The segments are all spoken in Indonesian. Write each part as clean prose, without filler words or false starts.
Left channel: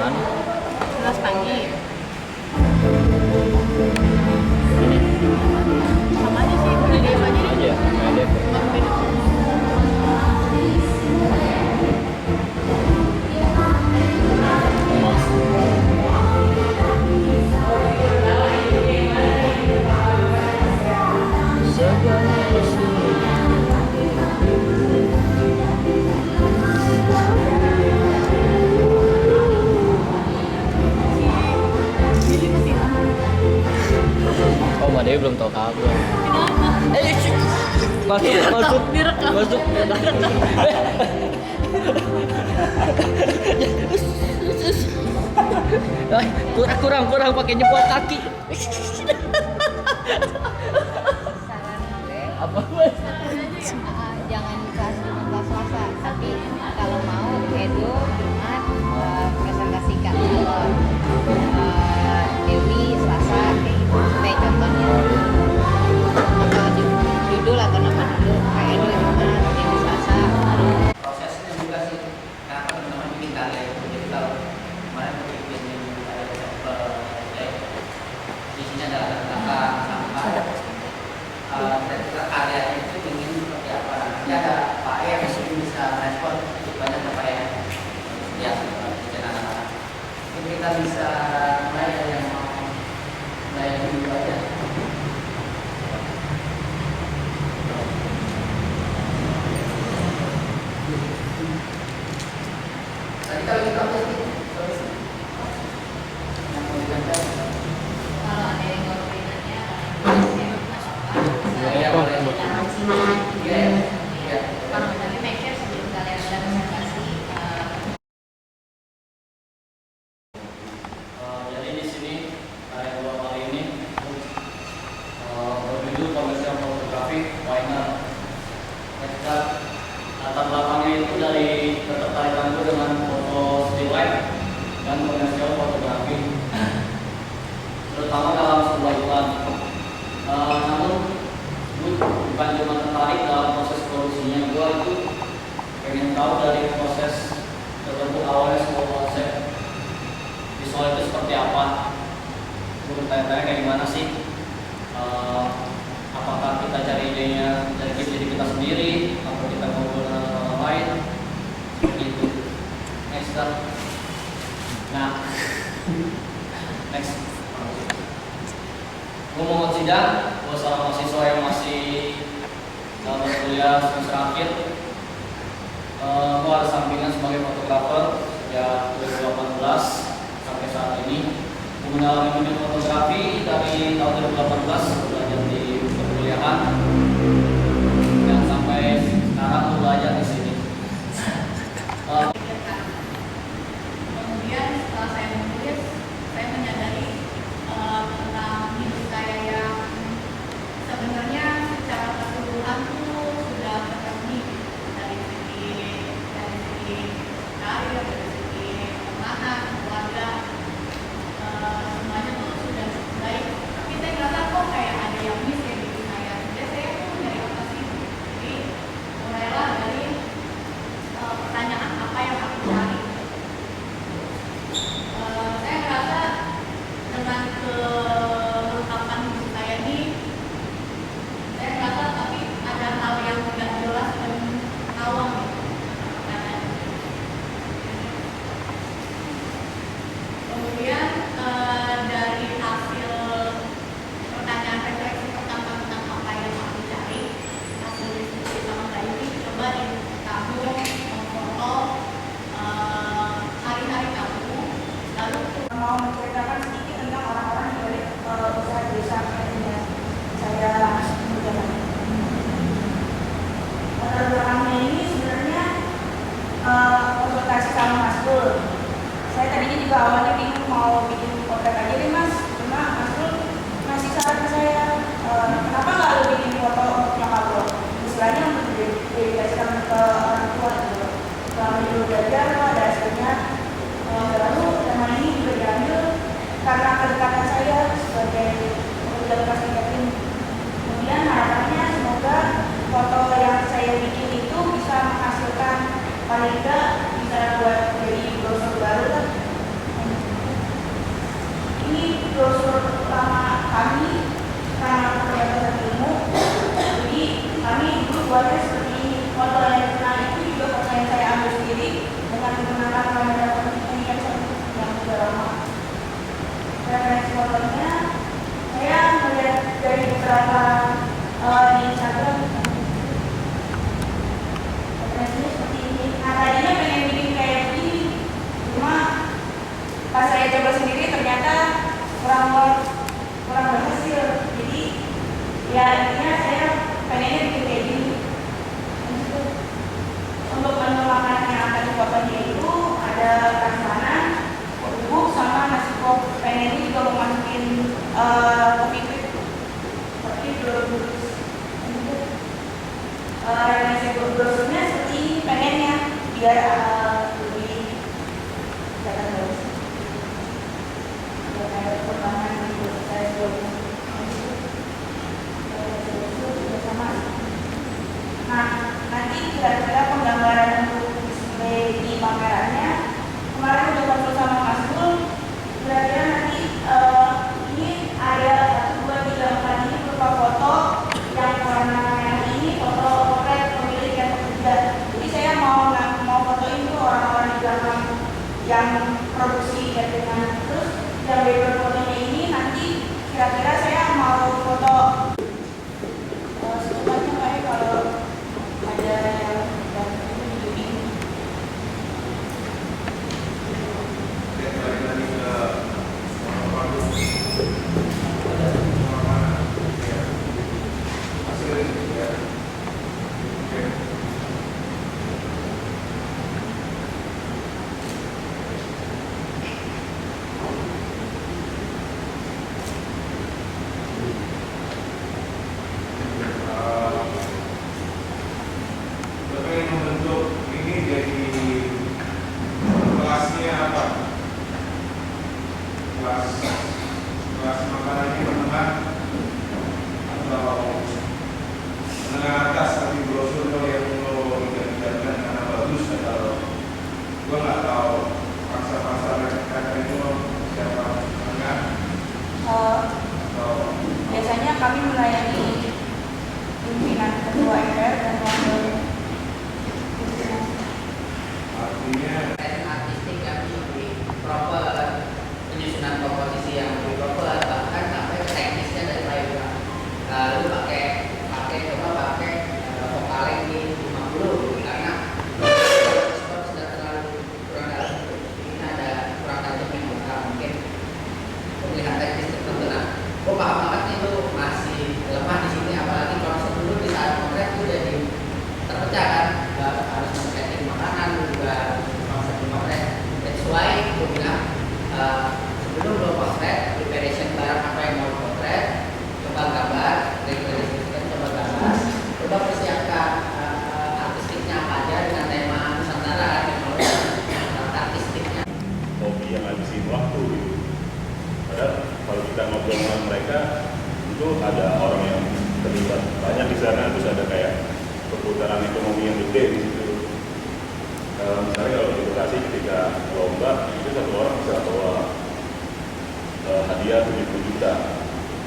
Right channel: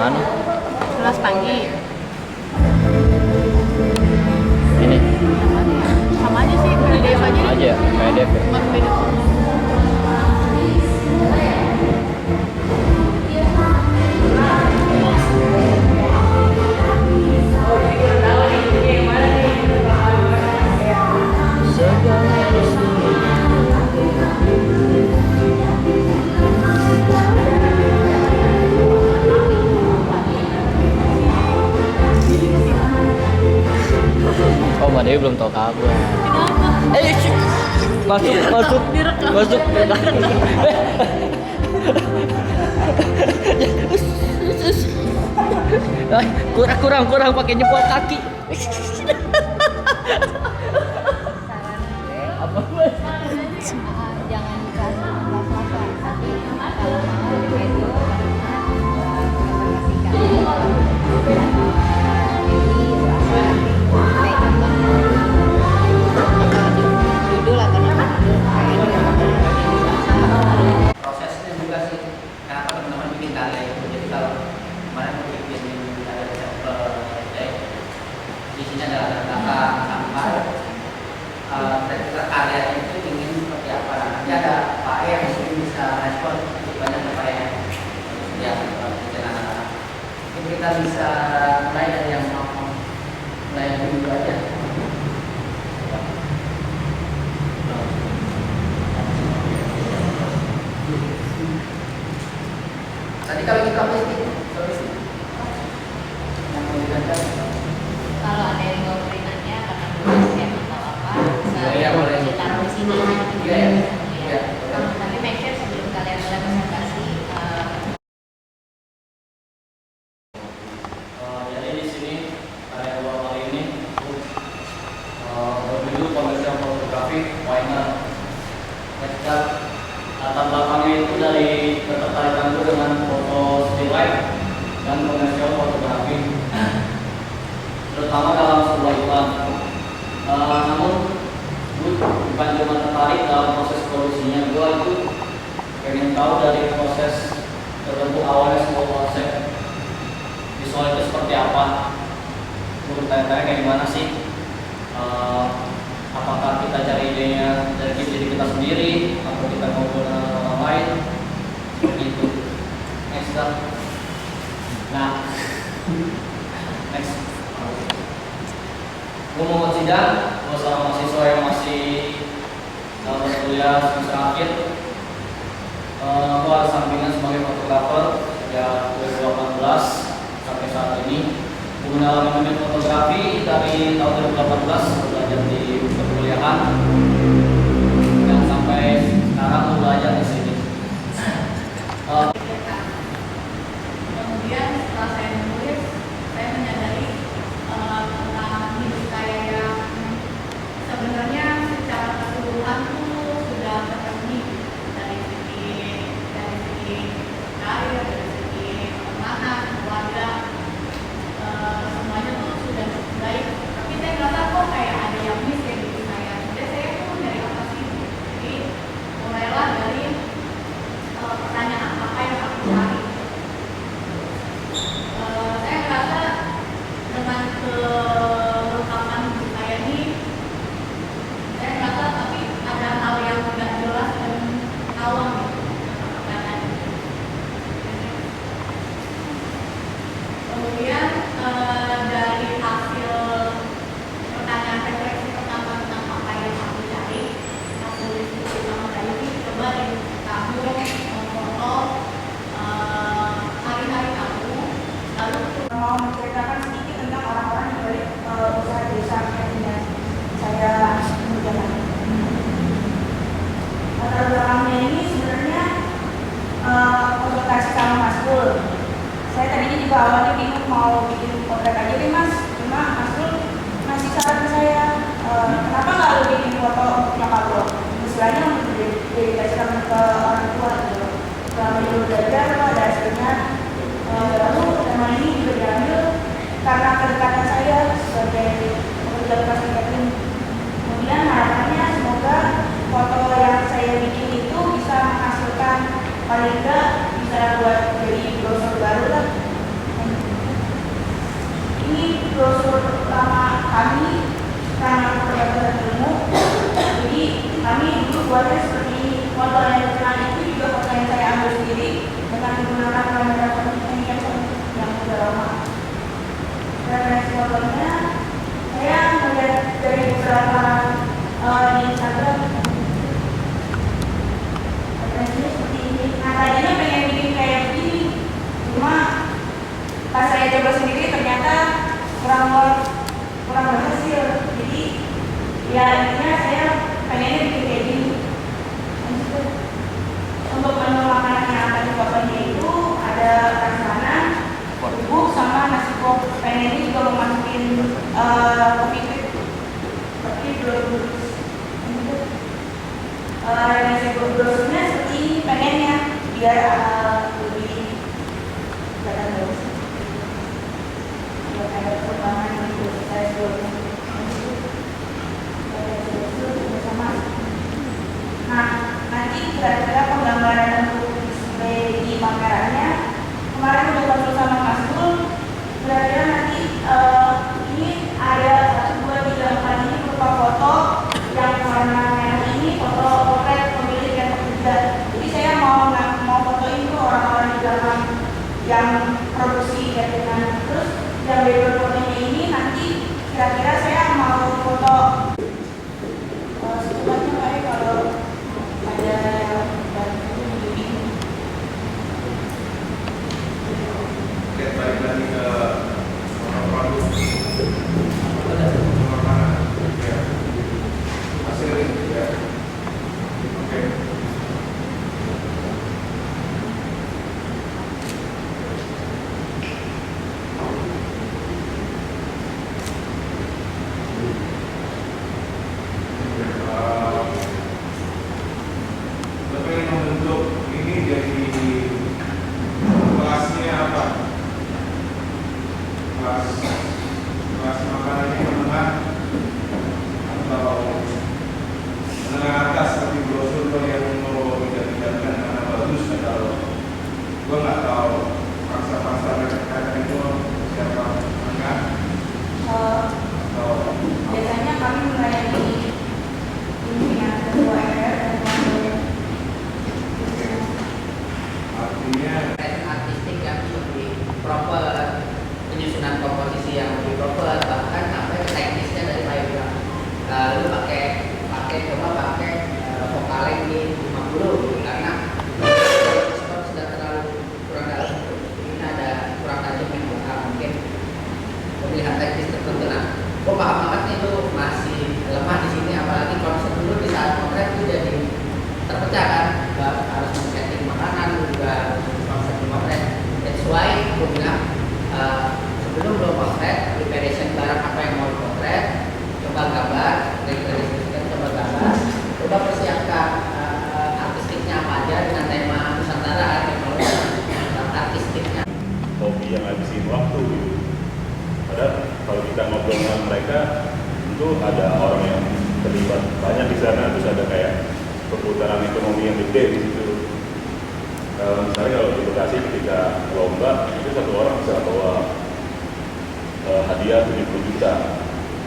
mana? 11 pagi. Ini Sama aja sih, PDF aja. aja PDF. Cuma beda. Oh, Mbak Dewi belum tahu kabar. Masuk, masuk, Direkam. masuk. Kurang pakai jempol kaki. Saran gue Apa? jangan kelas swasta, tapi kalau mau Edo Jumat presentasikan Dewi Selasa kayak contohnya atau judul atau nama judul kayak Edo Jumat Dewi Selasa. Prosesnya juga sih kenapa teman-teman bikin karya itu. Jadi kalau kemarin mau bikin karya sampel isinya adalah kata sampah, kira-kira karyanya itu ingin seperti apa. Nanti ada Pak E yang mungkin bisa respon lebih banyak ke Pak E ya bikin anak-anak. Mungkin kita bisa mulai dari yang mau mulai dulu aja. Tadi kalau kita mesti yang mau dibaca. Kalau ada yang mau nanya karena gue nggak apa-apa Iya, boleh. ditaruh di sini. Iya, iya. Tapi make sure sebelum kalian mulai presentasi Jadi di sini karya gua kali ini berjudul komersial fotografi final. Ketika latar belakangnya itu dari ketertarikan gue dengan foto still life dan komersial fotografi, terutama dalam sebuah iklan. Namun gue bukan cuma tertarik dalam proses produksinya, gue itu pengen tahu dari proses terbentuk awalnya sebuah konsep visual itu seperti apa. Gue bertanya-tanya kayak gimana sih, apakah kita cari idenya dari diri kita sendiri atau kita ngobrol dengan orang lain, seperti itu. Next up. Nah, next. Gue Muhammad Zidan, gue seorang mahasiswa yang masih dalam kuliah semester akhir. Gue ada sampingan sebagai fotografer sejak 2018 sampai saat ini. Gue mendalami dunia fotografi dari tahun 2018, belajar di perkuliahan dan sampai sekarang gue belajar di sini. Kemudian setelah saya menulis, saya menyadari tentang hidup saya yang sebenarnya secara keseluruhan tuh sudah terpenuhi dari segi karir, dari segi pertemanan, keluarga, semuanya tuh sudah cukup baik. Tapi saya ngerasa kok kayak ada yang miss ya di saya. Jadi saya tuh dari apa sih? Jadi mulailah dari pertanyaan apa yang aku cari. Saya merasa dengan kelengkapan hidup saya ini, saya merasa tapi ada hal yang tidak jelas dan awam. Kemudian dari hasil pertanyaan refleksi pertama tentang apa yang aku cari, hasil diskusi sama Mbak Yuni, coba deh kamu memfoto hari-hari kamu, lalu mau menceritakan sedikit tentang orang-orang di balik usaha desa yang saya kerjakan. Latar belakangnya ini sebenarnya konsultasi sama Mas Kul. Saya tadinya juga awalnya bingung mau bikin potret aja deh Mas, cuma Mas Kul ngasih saran ke saya, kenapa nggak lu bikin foto untuk nyokap lo? Istilahnya untuk dedikasikan ke orang tua gitu. Selama dulu belajar lo ada hasilnya. Lalu tema ini juga diambil karena kedekatan saya sebagai pekerja bekas catering. Kemudian harapannya semoga foto yang saya bikin itu bisa menghasilkan paling enggak bisa buat jadi brosur baru lah pamerannya. Kemarin udah konsul sama Mas Bul, kira-kira nanti ini ada 1, 2, 3, 4 ini berupa foto yang warna merah ini foto portret pemilik yang bekerja. Jadi saya mau fotoin tuh orang-orang di belakang yang produksi cateringan. Terus yang background fotonya ini nanti kira-kira saya mau foto secepatnya Pak ya, kalau ada yang ini. Oke, balik lagi ke produk. Mana? Ya. Hasil ini ya. Oke. Tapi yang membentuk ini jadi kelasnya apa? Kelas makanannya menengah atau menengah atas, tapi brosur yang mau dijadikan karena bagus atau gua nggak tahu pasar mereka itu siapa menengah atau Biasanya kami melayani pimpinan ketua MPR dan wakil. artinya Artistik yang lebih proper, penyusunan komposisi yang lebih proper, bahkan sampai ke teknisnya dari payudara. Lalu pakai vokaling di 50 karena spot sudah terlalu kurang dalam. Ini ada kurang tajam yang mungkin pemilihan teknis tertentu. Nah, gue paham banget nih itu masih lemah di sini, apalagi konsep dulu di saat potret itu jadi terpecah kan, harus men-setting makanan juga konsep di potret. That's why gue bilang sebelum lo potret, preparation barang apa yang mau potret, coba gambar, coba gambar, coba persiapkan artistiknya apa aja dengan tema Nusantara, teknologi artistiknya. Hobi yang ngabisin waktu gitu. Padahal kalau kita ngobrol sama mereka, itu ada orang yang terlibat banyak di sana, terus ada kayak perputaran ekonomi yang gede di situ. Misalnya kalau di Bekasi ketika lomba, itu satu orang bisa bawa hadiah 70 juta.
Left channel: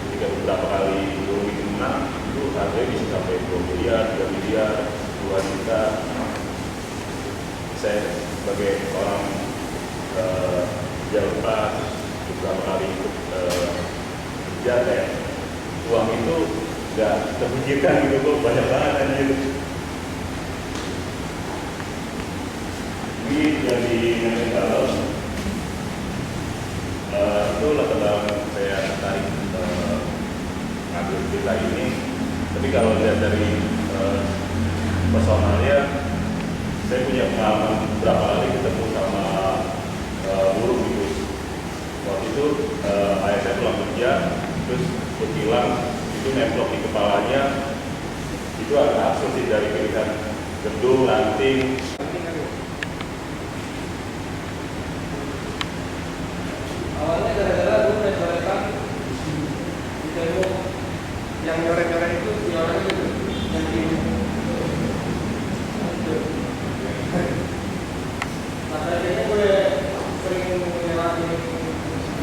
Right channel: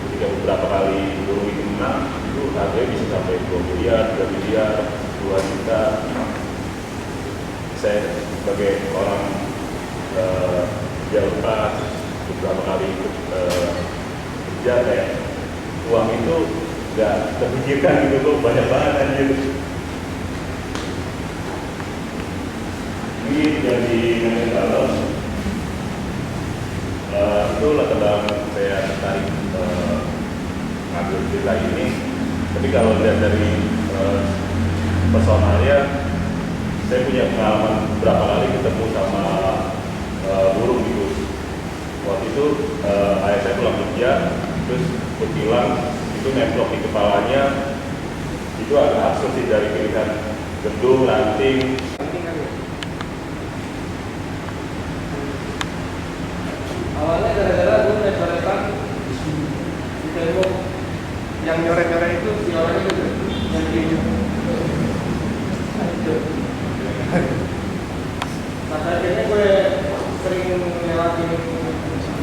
Ketika beberapa kali burung itu menang, itu harganya bisa sampai 2 miliar, 3 miliar, 2 juta. Saya sebagai orang Jawa beberapa kali ikut kerja kayak uang itu nggak terpikirkan gitu kok, banyak banget anjir. Ini dari Nanggalam itu latar belakang saya tertarik ngambil cerita ini. Tapi kalau lihat dari personalnya, saya punya pengalaman berapa kali ketemu sama burung gitu. Waktu itu ayah saya pulang kerja, terus berkilang itu nemplok di kepalanya. Itu agak absurd sih, dari pilihan gedung, ranting. awalnya gara-gara gue coret-coretan di tembok. Yang nyoret-nyoret itu si orang itu yang di itu. Nah, akhirnya gue sering melewati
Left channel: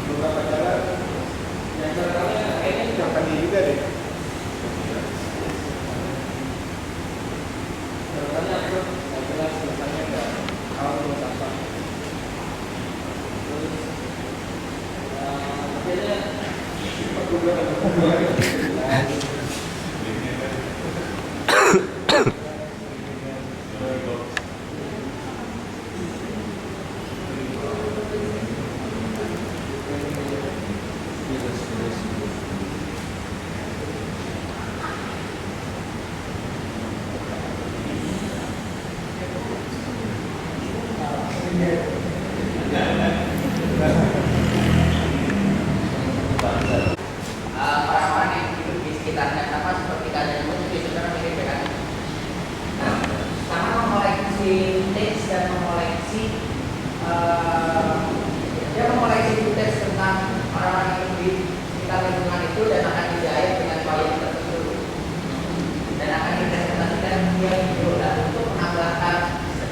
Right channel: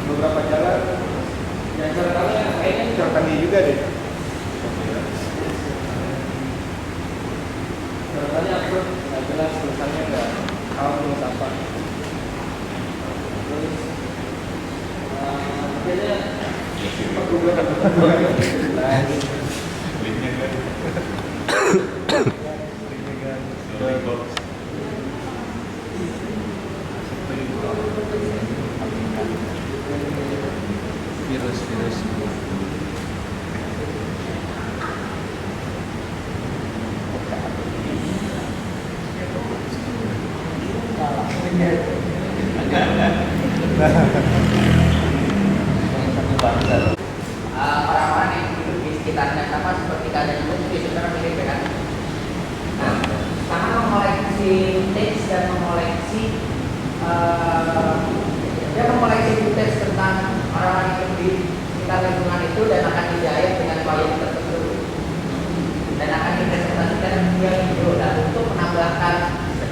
beberapa jalan yang coretannya kayaknya coretan dia juga deh. Coretannya absurd, nggak jelas tulisannya, nggak tahu tulis apa. Terus akhirnya perguruan Orang-orang yang hidup di sekitarnya sama seperti keadaan itu sebenarnya mirip ya kan. Nah, karena mengoleksi teks dan mengoleksi dia mengoleksi teks tentang orang-orang yang hidup di sekitar lingkungan itu dan akan dijahit dengan kualitas tertentu dan akan dipresentasikan dia video. Dan untuk menambahkan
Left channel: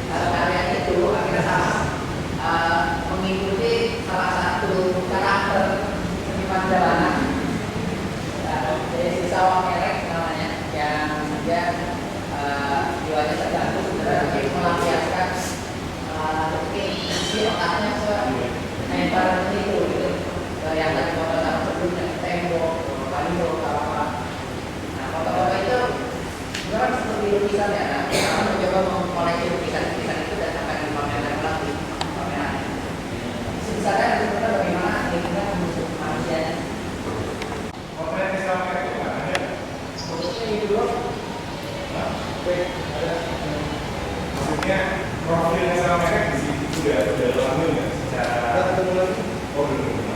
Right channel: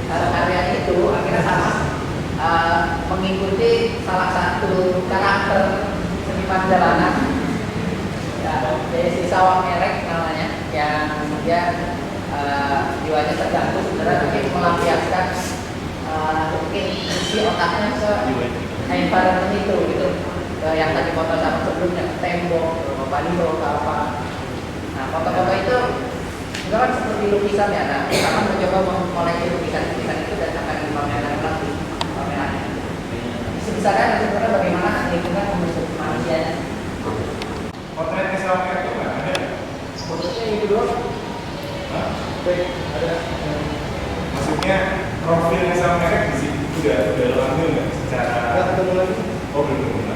karya itu akhirnya mengikuti salah satu karakter seniman jalanan, ya, Desi Sawah Merek namanya, yang dia jiwanya terganggu sebenarnya ingin melampiaskan isi otaknya se environment itu gitu. Yang tadi foto sama sebelumnya tembok, baliho, apa. Nah, foto-foto itu sebenarnya seperti lukisan ya. Nah, kita akan mencoba mengoleksi lukisan-lukisan itu dan akan dipamerkan lagi pamerannya. Bisa kan sebenarnya bagaimana lingkungan membentuk manusianya. Potretnya sama kayak itu nggak ada? Khususnya ini dulu. Baik, ada. Maksudnya profilnya sama merek di situ udah langsung nggak secara? Udah ketemu lagi? Oh belum ketemu.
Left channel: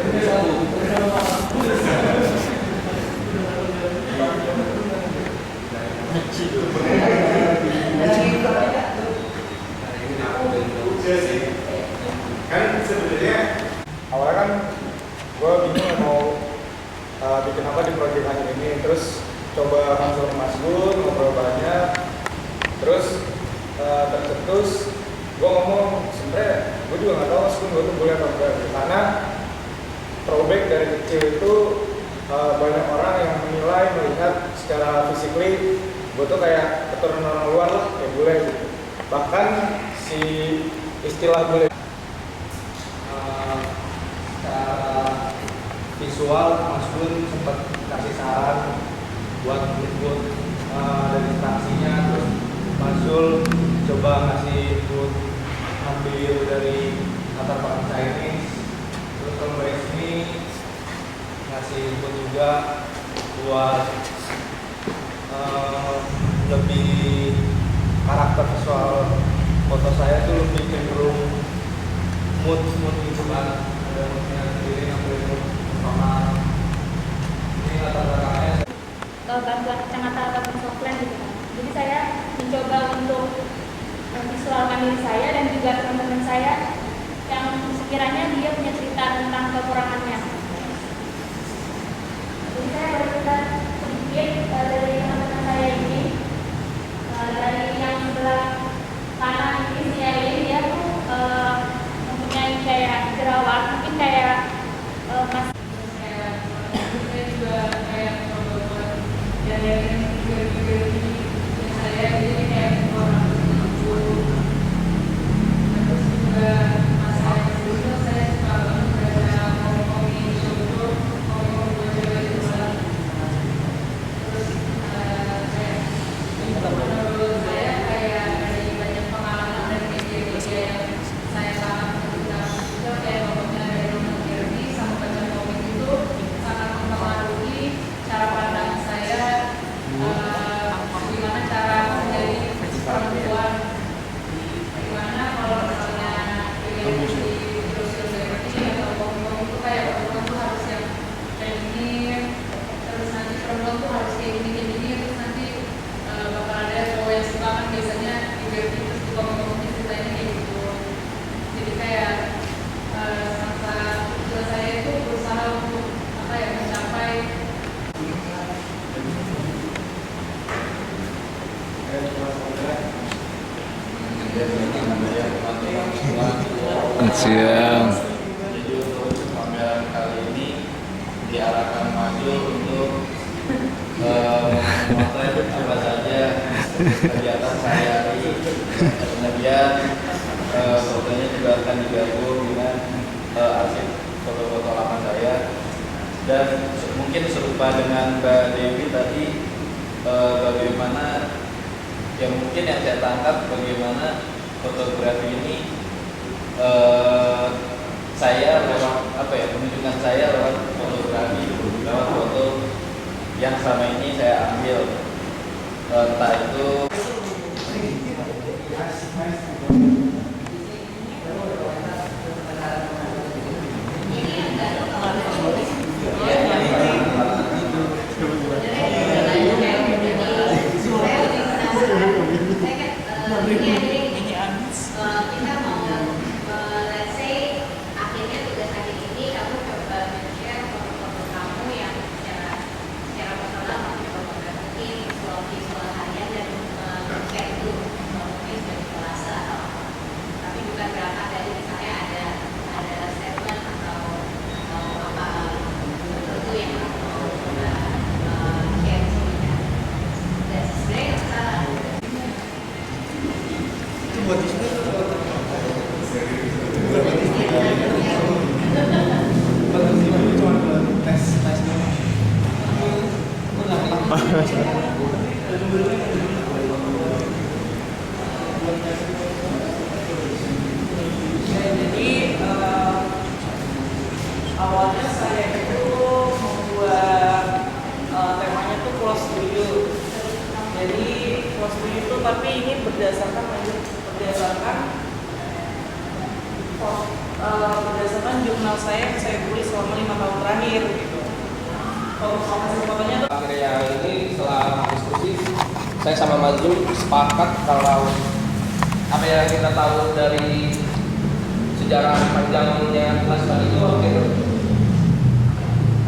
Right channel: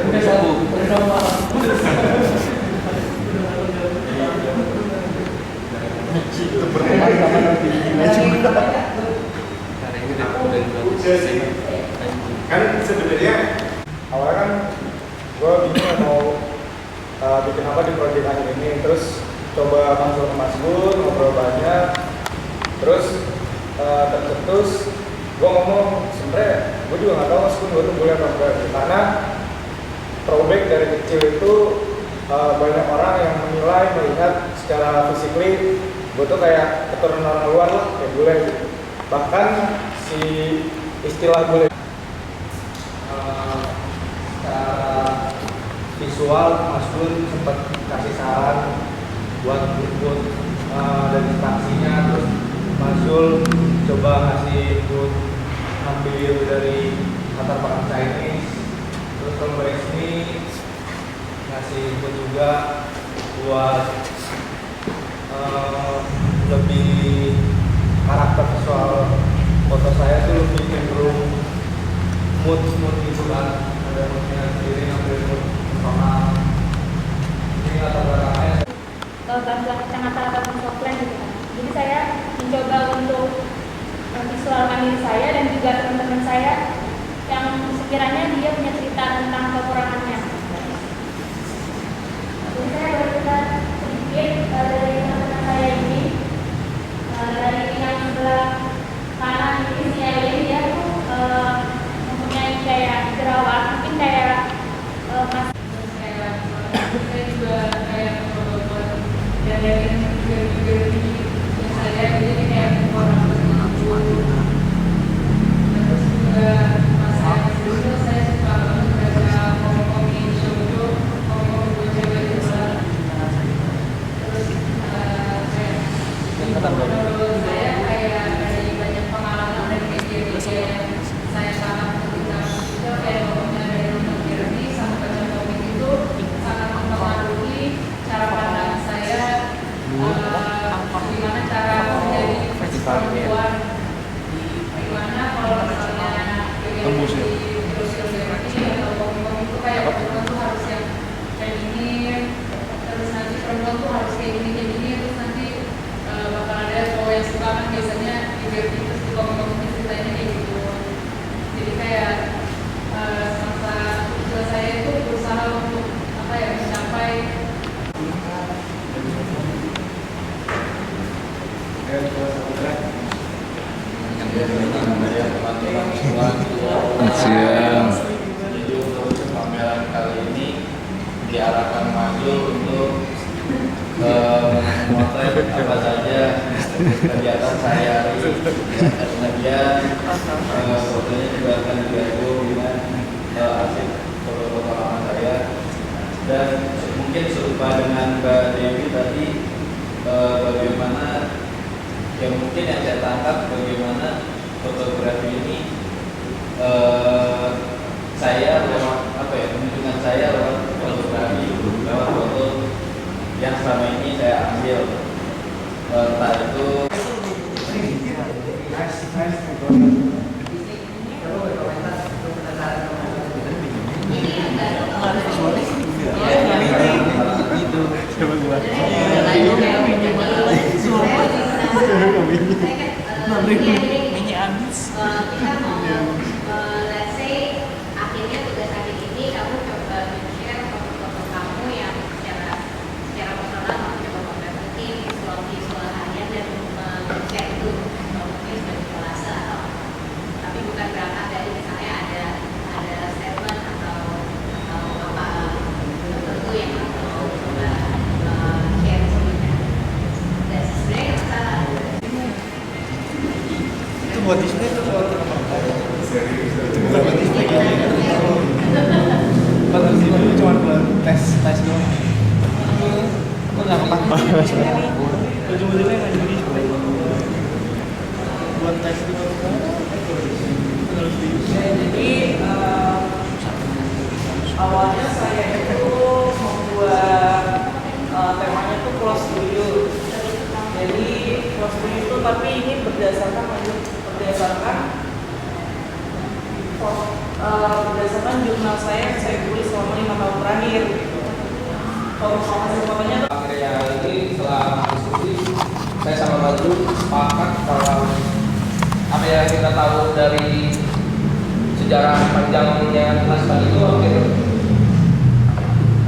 Udah satu. Udah sih. Kan sebenarnya awalnya kan gue bingung mau bikin apa di proyek anime ini, terus coba konsul ke Mas Gun, ngobrol banyak, terus tercetus gue ngomong sebenarnya gue juga nggak tahu Mas Gun gue tuh boleh apa enggak, karena throwback dari kecil itu banyak orang yang menilai melihat secara fisikly gue tuh kayak keturunan orang luar lah, kayak bule gitu. Bahkan si istilah bule secara visual Mas Gun sempat kasih saran buat input dan instruksinya, terus Mas Gun coba ngasih input ambil dari latar belakang Chinese, terus kalau Mbak Ismi ngasih input juga buat lebih karakter visual foto saya tuh lebih cenderung mood gitu kan, ada moodnya sendiri, ngambil mood personal. Ini latar belakangnya bantuan kacamata ataupun softline gitu kan. Jadi saya mencoba untuk visualkan diri saya dan juga teman-teman saya yang sekiranya dia punya cerita tentang kekurangannya. Jadi saya bercerita sedikit dari teman-teman saya ini, dari yang sebelah kanan ini si Elin, dia tuh mempunyai kayak jerawat, mungkin kayak mas. Saya juga kayak buat dari figure ini yang saya jadi kayak orang berlaku. Terus juga masa dulu saya suka banget baca komik-komik shoujo, komik-komik buat cewek juga. Terus kayak menurut saya kayak dari banyak pengalaman dan media-media yang saya sangat ketika juga kayak pokoknya dari Roman Kirby sama baca komik itu sangat mempengaruhi cara pandang saya gimana cara menjadi perempuan, gimana kalau misalnya terus seperti atau komik-komik itu kayak perempuan tuh harus yang feminin, terus nanti perempuan tuh harus kayak gini, terus nanti bakal ada cowok yang suka kan biasanya terus di komik-komik ceritanya kayak gitu. Jadi kayak masa kecil saya itu berusaha untuk apa ya mencapai Siang. Jadi untuk pameran kali ini diarahkan maju untuk memotret apa saja kegiatan sehari-hari. Kemudian fotonya juga akan digabung dengan arsip foto-foto lama saya. Dan mungkin serupa dengan Mbak Dewi tadi, bagaimana yang mungkin yang saya tangkap bagaimana fotografi ini saya lewat apa ya, menunjukkan saya lewat fotografi, lewat foto yang selama ini saya ambil, entah itu kita mau let's say akhirnya tugas akhir ini kamu coba share foto-foto kamu yang secara personal kamu coba fotografi visual harian dan share itu mungkin sebagai kelas atau display tuh soal Bukan display kan? Bukan display itu cuma buat tes doang. Kok nggak kepake? Ujung-ujungnya nggak jadi display. Buat tes doang. Jadi awalnya saya itu membuat temanya tuh close to you. Jadi close to you itu tapi ini berdasarkan jurnal saya yang saya tulis selama 5 tahun terakhir gitu. Kalau fotonya tuh akhirnya ini setelah diskusi saya sama Mazul sepakat kalau apa yang kita tahu dari sejarah panjangnya Asman itu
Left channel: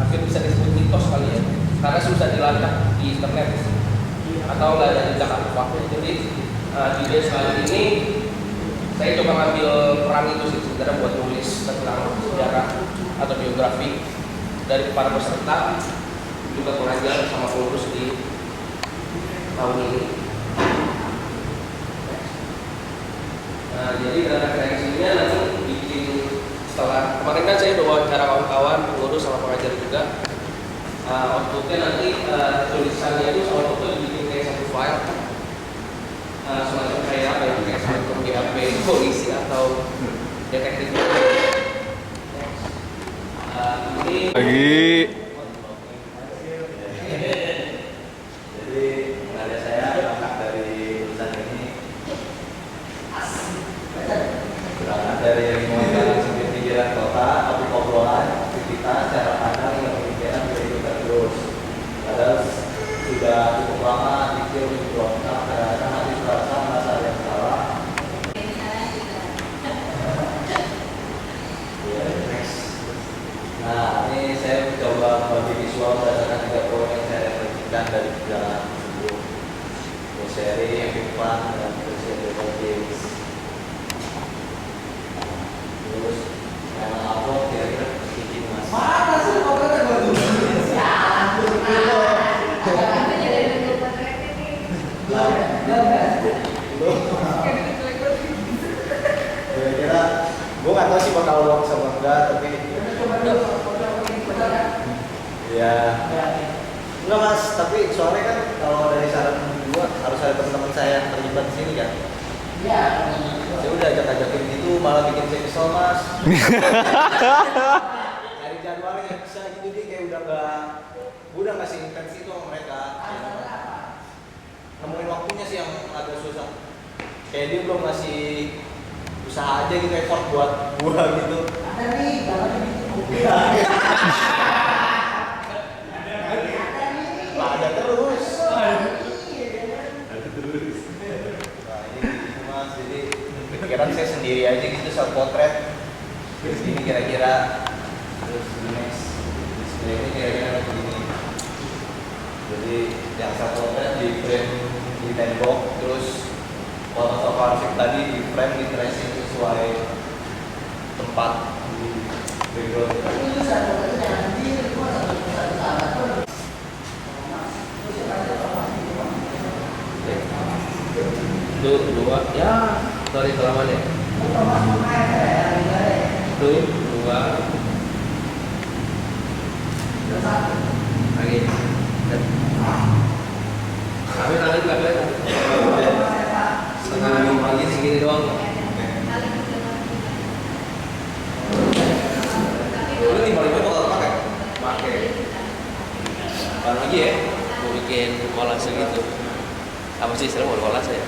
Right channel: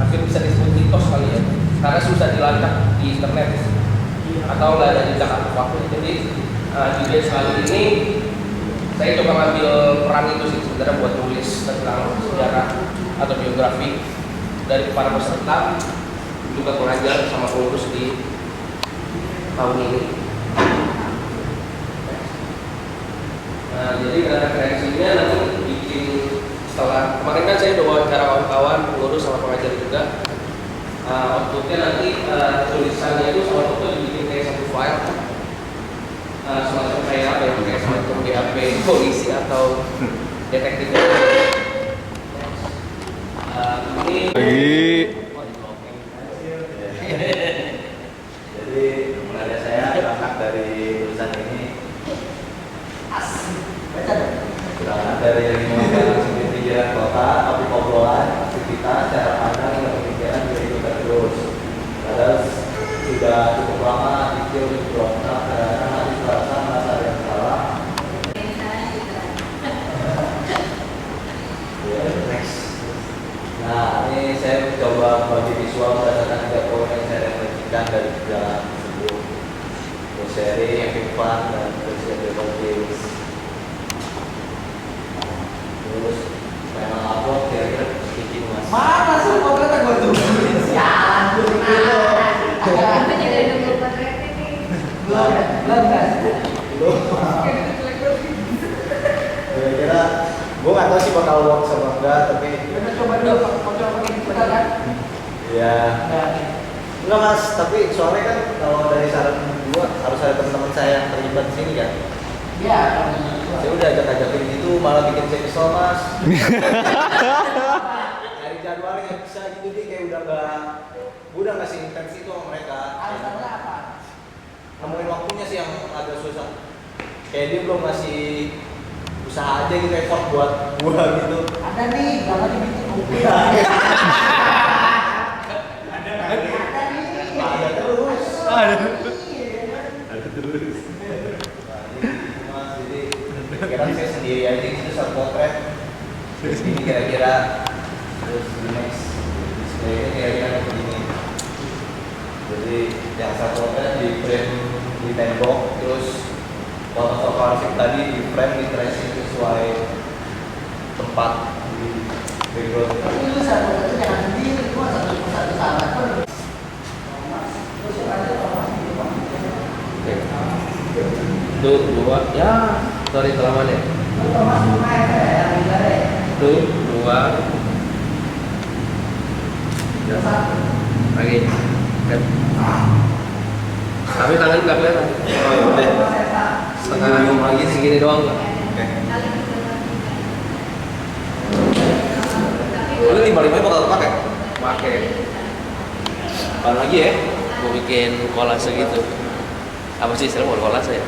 hampir bisa disebut mitos kali ya, karena susah dilacak di internet atau nggak ada jejak waktu. Jadi di batch kali ini saya coba ngambil peran itu sih sebenarnya buat nulis tentang sejarah atau biografi dari para peserta, juga pengajar sama pengurus di tahun ini. Nah, jadi referensinya nanti bikin setelah kemarin kan saya udah wawancara kawan-kawan, pengurus sama pengajar juga. Outputnya nanti tulisannya itu sama outputnya dibikin kayak satu file, semacam kayak apa ya, kayak semacam BAP polisi atau detektif. Ini Jadi mengajar saya berangkat dari tulisan ini berangkat dari lingkungan sendiri pikiran kota, tapi obrolan aktivitas cara pandang dan pemikiran juga ikutan terus. Padahal sudah cukup lama pikir berontak karena hati merasa ada yang salah. Next. Nah, ini saya coba bagi visual berdasarkan 3 poin yang saya referensikan dari perjalanan tersebut. Sharing, having fun, dan persiapan games. Terus memang upload kira-kira sedikit mas. Mana sih kok kata gue tuh? Siapa tuh? Kira-kira gue nggak tahu sih bakal work sama enggak, tapi ya enggak mas, tapi soalnya kan kalau dari saran gue harus ada teman-teman saya yang terlibat di sini kan. Iya. Saya udah ajak-ajakin gitu malah bikin saya kesel mas. Dari jadwalnya bisa gitu dia kayak udah nggak seintens itu sama mereka. Nemuin waktunya sih yang agak susah. Kayak dia belum ngasih usaha aja gitu, effort buat gua gitu. Ada nih, jangan dibikin buku. Ada terus. Jadi pikiran saya sendiri aja gitu, self portrait. Ini kira-kira terus next display-nya kira-kira begini. Jadi yang self portrait di frame di tembok, terus foto klasik tadi di frame di tracing sesuai tempat di background. Itu satu jangan sendiri, cuma satu salah pun. Tuh, 2, ya, sorry kelamaan ya. Tuh, 2. Lagi. Tapi tangan nggak kelihatan. Setengah lagi segini doang. Lu 55 bakal pakai? Pakai. Baru lagi ya, mau bikin kolase gitu. Apa sih istilah kolase ya?